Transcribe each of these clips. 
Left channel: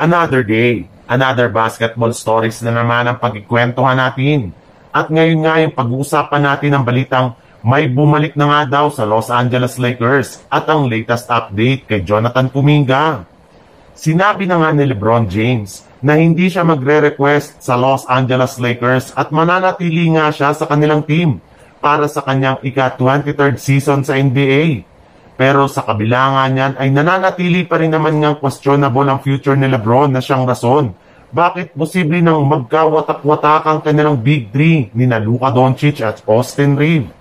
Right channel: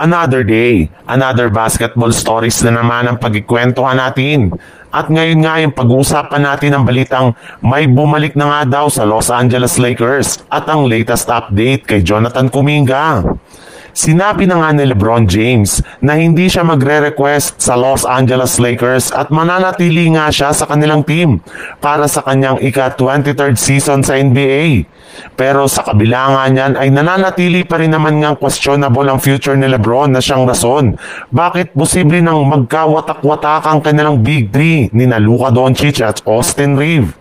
Another day, another basketball stories na naman ang pagkikwentuhan natin. At ngayon nga yung pag-uusapan natin ang balitang may bumalik na nga daw sa Los Angeles Lakers at ang latest update kay Jonathan Kuminga. Sinabi na nga ni LeBron James na hindi siya magre-request sa Los Angeles Lakers at mananatili nga siya sa kanilang team para sa kanyang ika-23rd season sa NBA. Pero sa kabila nga niyan ay nananatili pa rin naman ngang questionable ang future ni LeBron na siyang rason. Bakit posible nang magkawatak-watak ang kanilang Big 3 ni Luka Doncic at Austin Reeves?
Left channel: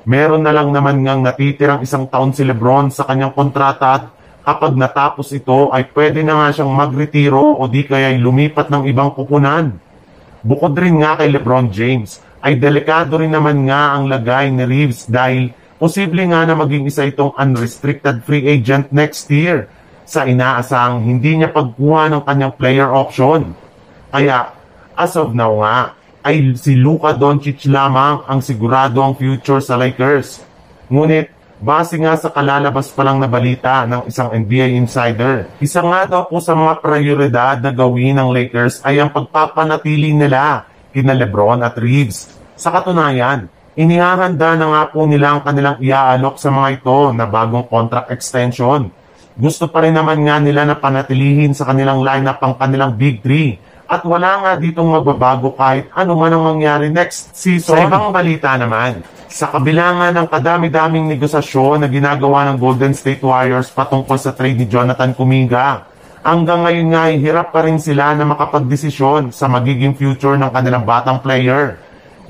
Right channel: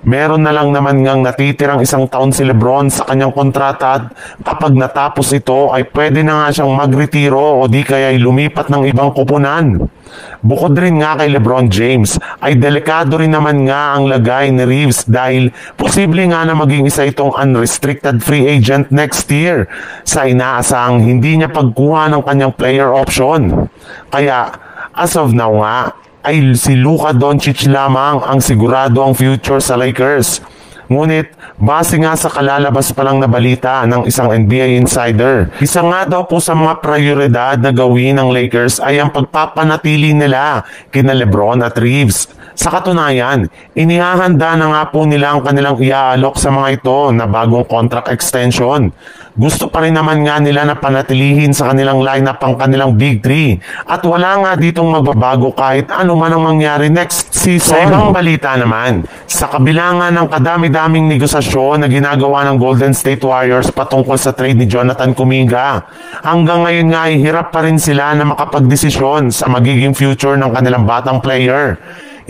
Meron na lang naman ngang natitirang isang taon si LeBron sa kanyang kontrata at kapag natapos ito ay pwede na nga siyang magretiro o di kaya ay lumipat ng ibang kupunan. Bukod rin nga kay LeBron James ay delikado rin naman nga ang lagay ni Reeves dahil posible nga na maging isa itong unrestricted free agent next year sa inaasahang hindi niya pagkuha ng kanyang player option. Kaya as of now nga ay si Luka Doncic lamang ang sigurado ang future sa Lakers. Ngunit base nga sa kalalabas pa lang na balita ng isang NBA insider, isa nga daw po sa mga prioridad na gawin ng Lakers ay ang pagpapanatili nila kina LeBron at Reeves. Sa katunayan, inihahanda na nga po nila ang kanilang iaalok sa mga ito na bagong contract extension. Gusto pa rin naman nga nila na panatilihin sa kanilang lineup ang kanilang Big 3 at wala nga ditong magbabago kahit ano man ang mangyari next season. Sa ibang balita naman, sa kabila nga ng kadami-daming negosasyon na ginagawa ng Golden State Warriors patungkol sa trade ni Jonathan Kuminga, hanggang ngayon nga ay hirap pa rin sila na makapagdesisyon sa magiging future ng kanilang batang player.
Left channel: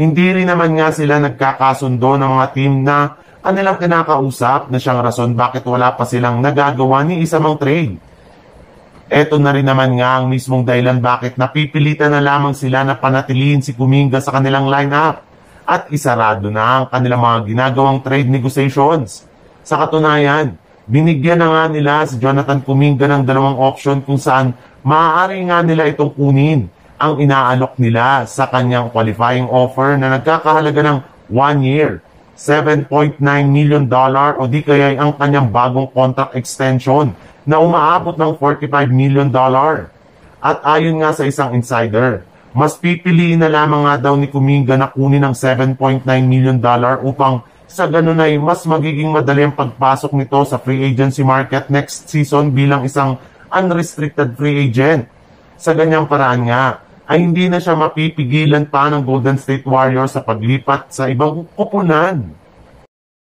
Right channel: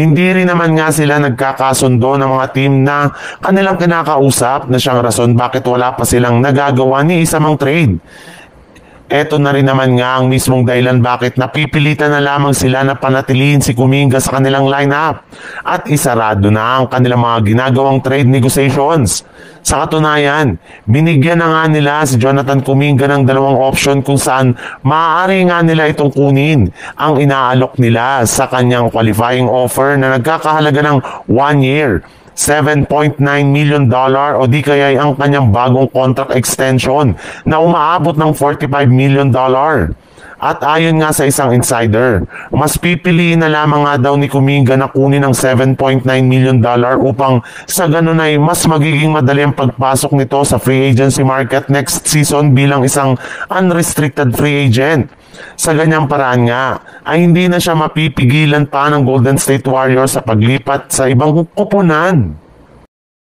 Hindi rin naman nga sila nagkakasundo ng mga team na kanilang kinakausap na siyang rason bakit wala pa silang nagagawa ni isa mang trade. Ito na rin naman nga ang mismong dahilan bakit napipilitan na lamang sila na panatilihin si Kuminga sa kanilang lineup at isarado na ang kanilang mga ginagawang trade negotiations. Sa katunayan, binigyan na nga nila si Jonathan Kuminga ng dalawang option kung saan maaari nga nila itong kunin ang inaalok nila sa kanyang qualifying offer na nagkakahalaga ng 1 year, $7.9 million o di kaya ang kanyang bagong contract extension na umaabot ng $45 million. At ayon nga sa isang insider, mas pipiliin na lamang nga daw ni Kuminga na kunin ng $7.9 million upang sa ganun ay mas magiging madali ang pagpasok nito sa free agency market next season bilang isang unrestricted free agent. Sa ganyang paraan nga, ay hindi na siya mapipigilan pa ng Golden State Warriors sa paglipat sa ibang kupunan.